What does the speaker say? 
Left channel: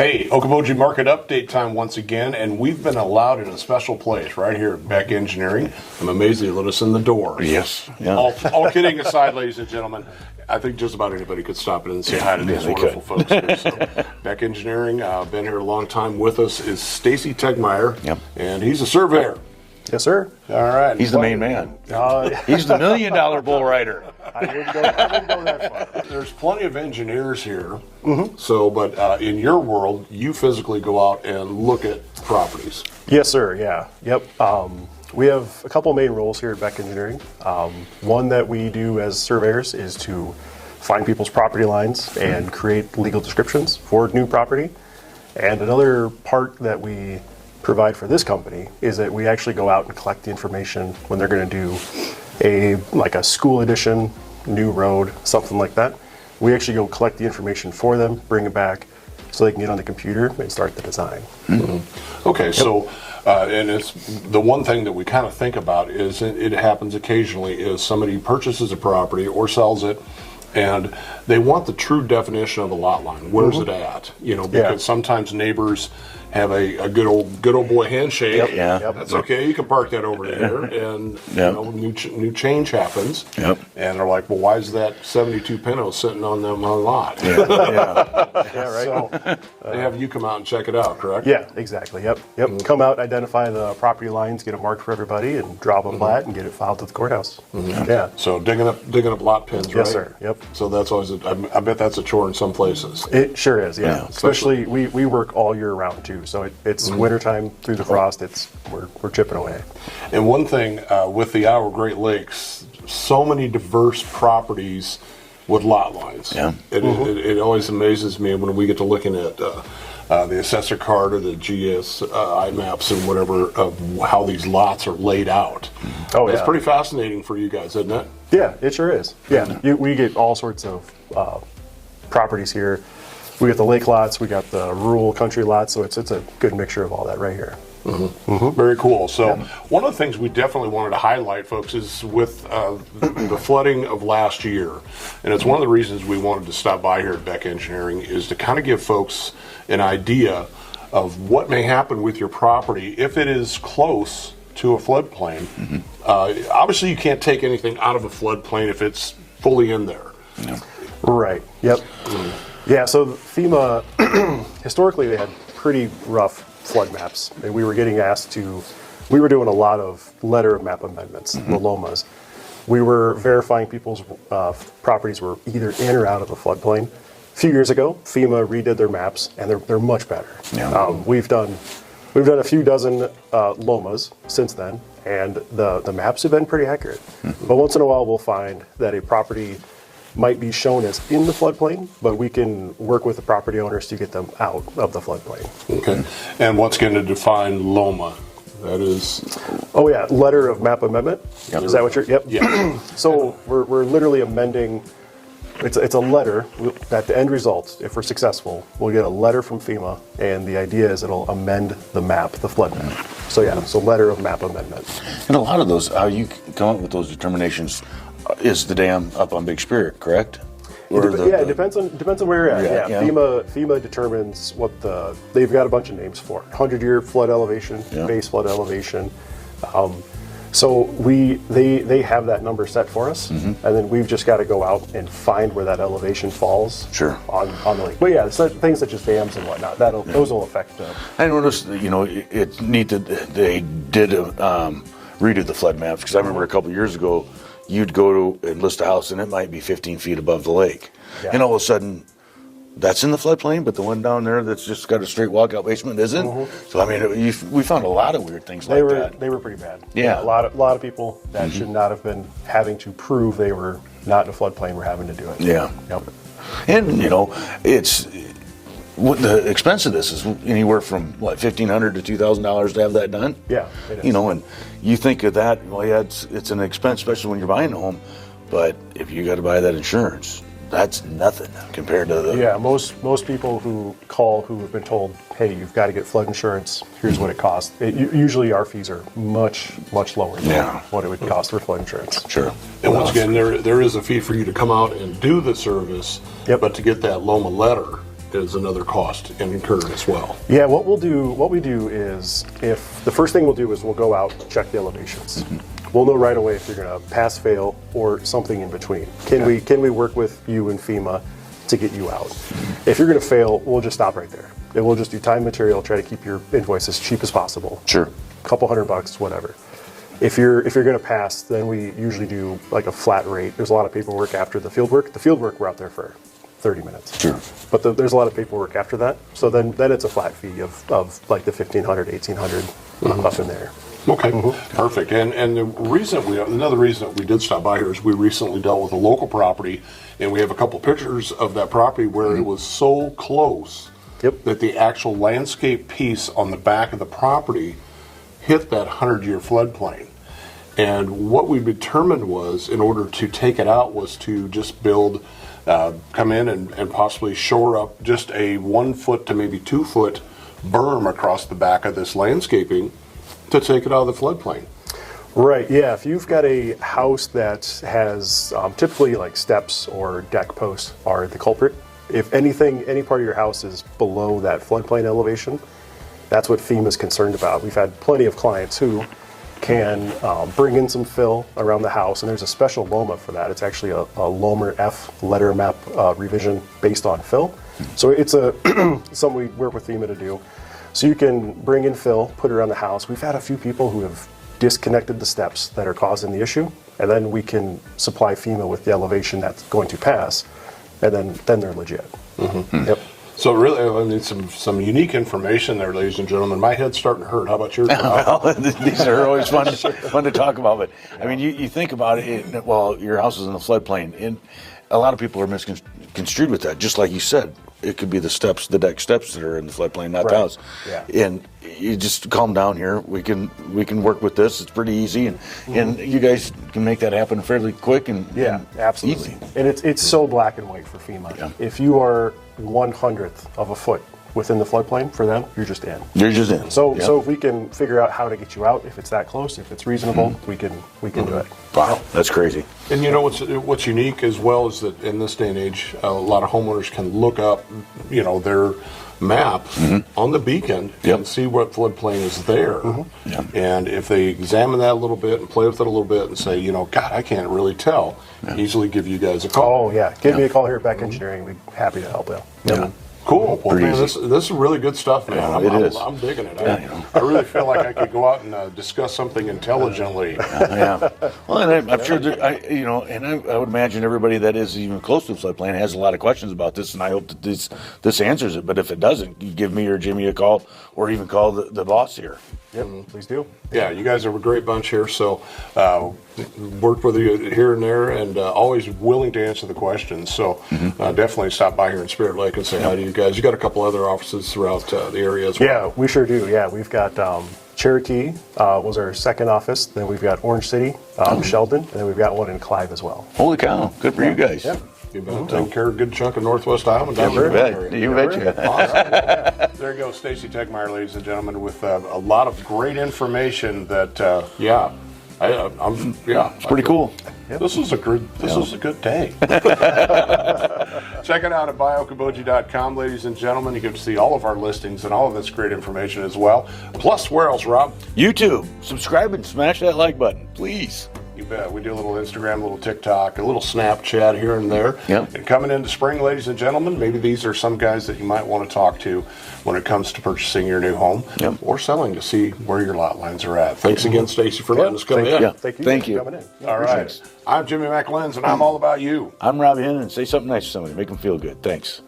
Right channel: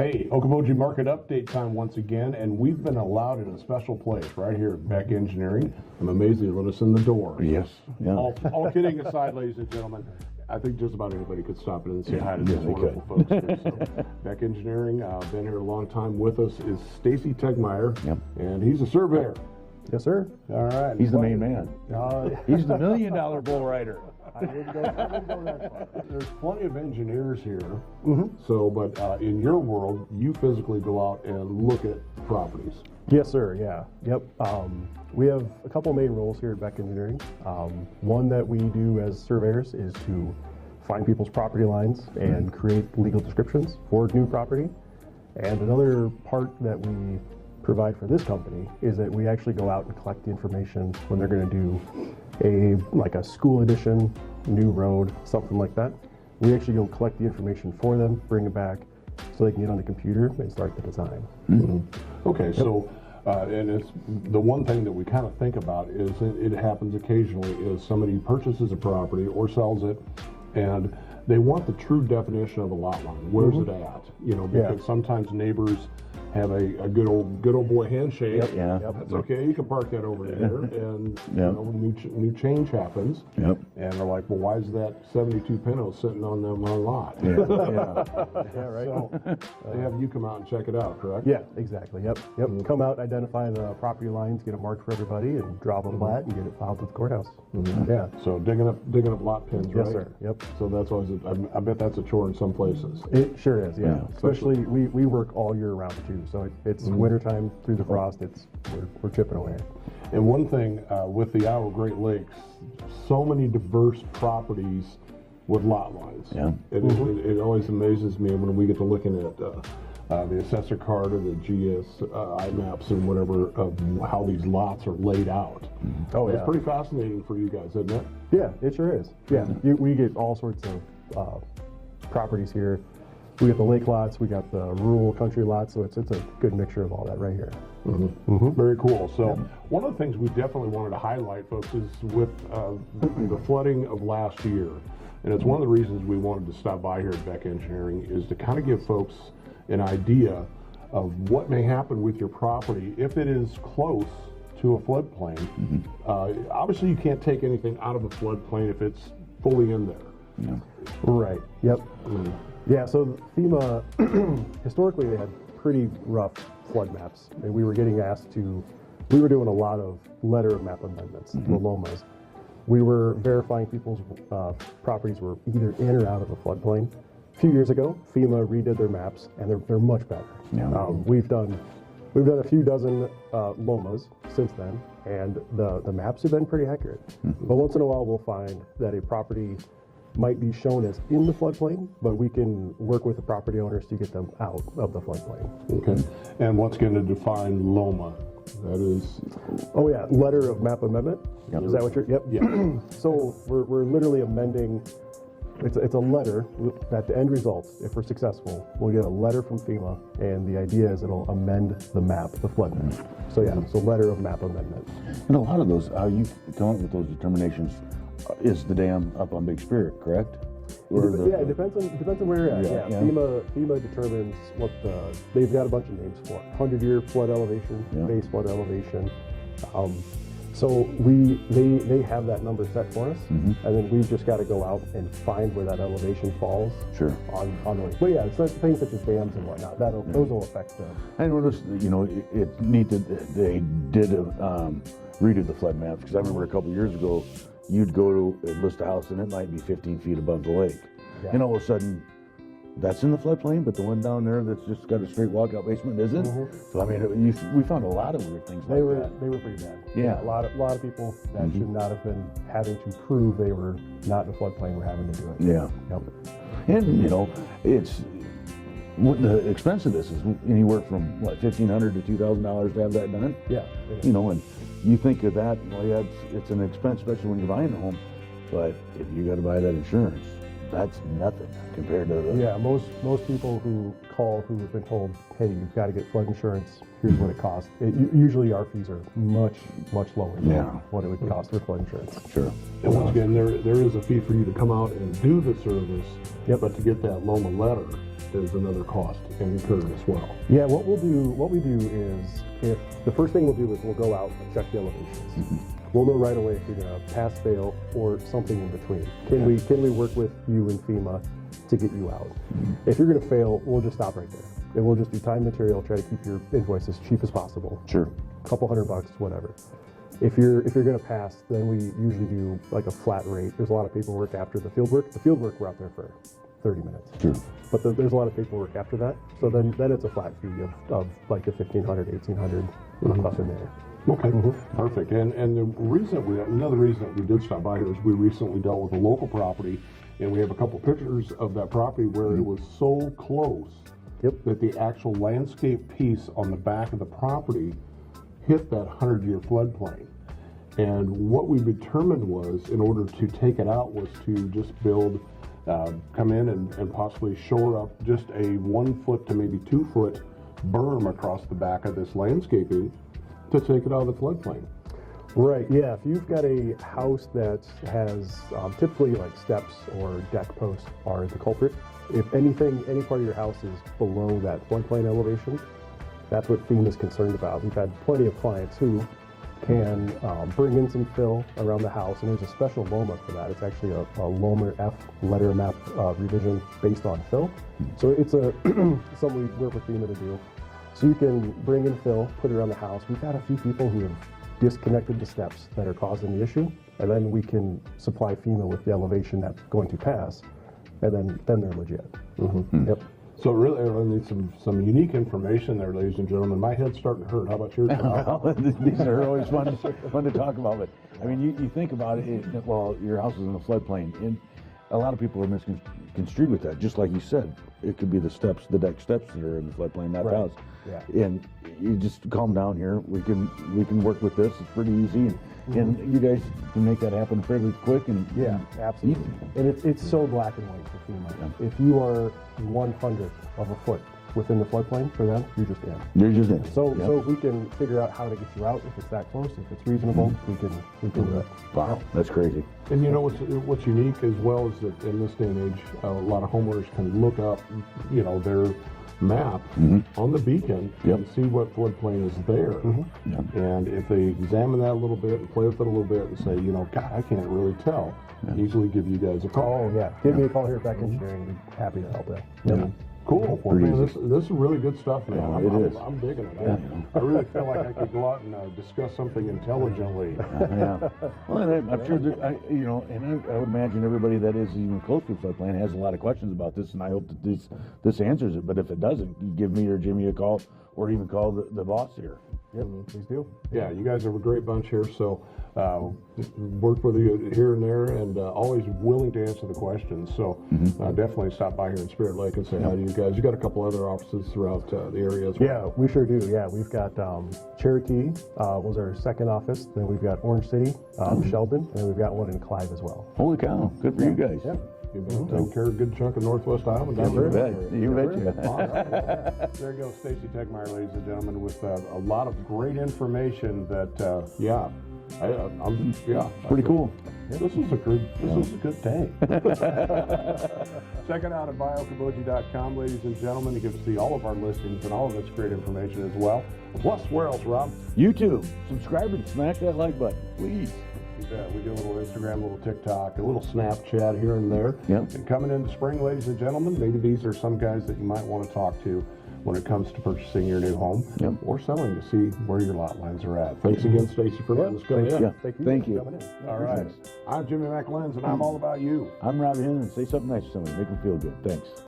Hey, Okoboji Market Update time once again, and we've been allowed in a special place right here at Beck Engineering. I'm amazed they let us in the door. Yes. Yeah. All kidding aside, ladies and gentlemen, I think just about anybody could stop in and say hi to these wonderful folks here. So, Beck Engineering, been here a long time. With us is Stacy Tegmeyer, and he's a surveyor. Yes, sir. All right. He's the main man. He's the $1 million bull rider. I wouldn't go that far. There's plenty of engineers here. So, but in your world, you physically go out and look at properties. Yes, sir. Yeah. Yep. We have a couple main roles here at Beck Engineering. One that we do as surveyors is to find people's property lines and create legal descriptions for new property. And another part that we provide for this company is that we actually go out and collect the information when they're going to do a school addition, new road, something like that. We actually go collect the information for them, bring it back, so they can get on the computer and start the design. Okay, so and it's the one thing that we kind of think about is it happens occasionally is somebody purchases a property or sells it, and they want the true definition of a lot line. Where's it at? You know, because sometimes neighbors have a good old boy handshake. That's okay. You can park that over there, and you know, new change happens. And they're like, well, why is that 72 Pinto sitting on them on lot? Right. So they have you come out and check it out, correct? Yeah, exactly. Yep. Come out, identify the property lines, get it marked for everybody, and drop a plat and get it filed to the courthouse. So digging up lot pins, right? Yes, sir. Yep. So that's always I bet that's a chore in some places. It sure is. Yeah. Especially we work all year round too. So it's wintertime through the frost. We're chipping away. And one thing with the Iowa Great Lakes, so many diverse properties with lot lines. It always amazes me when we get to looking at the assessor card or the GSI maps and whatever of how these lots are laid out. It's pretty fascinating for you guys, isn't it? Yeah, it sure is. Yeah, we get all sorts of properties here. We got the lake lots, we got the rural country lots, so it's a good mixture of all that right here. Very cool. So one of the things we definitely wanted to highlight, folks, is with the flooding of last year, and it's one of the reasons we wanted to stop by here at Beck Engineering is to kind of give folks an idea of what may happen with your property if it is close to a floodplain. Obviously, you can't take anything out of a floodplain if it's fully in there. Right. Yep. Yeah, so FEMA, historically they had pretty rough flood maps, and we were getting asked we were doing a lot of letter of map amendments, the LOMAs. We were verifying people's properties were either in or out of a floodplain. A few years ago, FEMA redid their maps, and they're much better. We've done a few dozen LOMAs since then, and the maps have been pretty accurate. But once in a while, we'll find that a property might be shown as in the floodplain, but we can work with the property owners to get them out of the floodplain. Okay. And what's going to define LOMA? That is... Oh yeah, letter of map amendment. Is that what you're... Yep. Yeah. So we're literally amending... It's a letter that the end result, if we're successful, we'll get a letter from FEMA, and the idea is it'll amend the map, the flood map. So so letter of map amendment. And a lot of those, how you come up with those determinations is the dam up on Big Spirit, correct? It depends on where you're at. FEMA determines what they've got a bunch of names for it. 100-year flood elevation, base flood elevation. So they have that number set for us, and then we've just got to go out and find where that elevation falls on the lake. But yeah, things such as dams and whatnot, those will affect them. I noticed that, it's neat that they did redo the flood maps, because I remember a couple years ago, you'd go to and list a house and it might be 15 feet above the lake. And all of a sudden, that's in the floodplain, but the one down there that's just got a straight walkout basement isn't. So I mean, we found a lot of weird things like that. They were pretty bad. Yeah. A lot of people that should not have been having to prove they were not in a floodplain were having to do it. Yeah. Yep. And it's the expense of this is anywhere from $1,500 to $2,000 to have that done. Yeah. It is. And you think of that, it's an expense, especially when you're buying a home. But if you got to buy that insurance, that's nothing compared to the... Yeah, most people who call who have been told, hey, you've got to get flood insurance, here's what it costs. Usually our fees are much lower than what it would cost for flood insurance. Sure. And once again, there is a fee for you to come out and do the service, but to get that LOMA letter, Mm-hmm. another cost incurred as well. Yeah, what we do is, if the first thing we'll do is we'll go out, check the elevations. We'll know right away if you're going to pass, fail, or something in between. Can we work with you and FEMA to get you out? If you're going to fail, we'll just stop right there. And we'll just do time and material, try to keep your invoice as cheap as possible. Sure. A couple $100, whatever. If you're going to pass, then we usually do like a flat rate. There's a lot of paperwork after the field work. The field work, we're out there for 30 minutes. Sure. But there's a lot of paperwork after that. So then it's a flat fee of like the 1,500, 1,800 up in there. Okay, perfect. And another reason that we did stop by here is we recently dealt with a local property, and we have a couple pictures of that property where it was so close that the actual landscape piece on the back of the property hit that 100-year floodplain. And what we determined was, in order to take it out, was to just build, come in and possibly shore up just a 1 foot to maybe 2 foot berm across the back of this landscaping to take it out of the floodplain. Right, yeah. If you've got a house that has typically like steps or deck posts are the culprit. If any part of your house is below that floodplain elevation, that's what FEMA's concerned about. We've had plenty of clients who can bring in some fill around the house, and there's a special LOMA for that. It's actually a LOMA F letter map revision based on fill. So it's something we work with FEMA to do. So you can bring in fill, put it around the house. We've had a few people who have disconnected the steps that are causing the issue, and then we can supply FEMA with the elevation that's going to pass, and then they're legit. Yep. So really, I mean, some unique information there, ladies and gentlemen. My head's starting to hurt. How about yours? Well, these are always fun to talk about. But I mean, you think about it. Well, your house is in the floodplain, and a lot of people are misconstrued with that. Just like you said, it could be the steps, the deck steps that are in the floodplain, not the house. Yeah. And you just calm down here. We can work with this. It's pretty easy, and you guys can make that happen fairly quick and absolutely easy. And it's so black and white for FEMA. Yeah. If you are 1/100th of a foot within the floodplain, for them, you're just in. You're just in. So if we can figure out how to get you out, if it's that close, if it's reasonable, we can do it. Wow, that's crazy. And you know what's unique as well is that in this day and age, a lot of homeowners can look up, their map on the beacon and see what floodplain is there. And if they examine that a little bit and play with it a little bit and say, God, I can't really tell, easily give you guys a call. Oh yeah, give me a call here at Beck Engineering. We'd be happy to help you. Yeah. Cool. Well, man, this is really good stuff, man. I'm digging it. I really feel like I could go out and discuss something intelligently. Well, and I'm sure that I would imagine everybody that is even close to the floodplain has a lot of questions about this, and I hope that this answers it. But if it doesn't, you give me or Jimmy a call, or even call the boss here. Yep, please do. Yeah, you guys are a great bunch here. So worked with you here and there, and always willing to answer the questions. So definitely stop by here in Spirit Lake and say hi to you guys. You got a couple other offices throughout the area as well. Yeah, we sure do. Yeah, we've got Cherokee was our second office. Then we've got Orange City, Sheldon, and then we've got one in Clive as well. Holy cow! Good for you guys. Yeah. You've been taking care of a good chunk of Northwest Iowa. You bet. You betcha. Well, there you go, Stacy Tegmeyer, ladies and gentlemen, with a lot of great information that, It's pretty cool. This was a good day. Check it out at buyokoboji.com, ladies and gentlemen. You get to see all of our listings and all of this great information as well. Plus, where else, Rob? YouTube. Subscribe and smash that like button, please. You bet. We do a little Instagram, a little TikTok, a little Snapchat here and there. Yep. And coming into spring, ladies and gentlemen, maybe these are some guys that you might want to talk to when it comes to purchasing your new home or selling to see where your lot lines are at. Thanks again, Stacy, for letting us come in. Yeah. Thank you. For coming in. All right. I'm Jimmy McLenz, and I'm all about you. I'm Rob Hinn, and say something nice to somebody. Make them feel good. Thanks.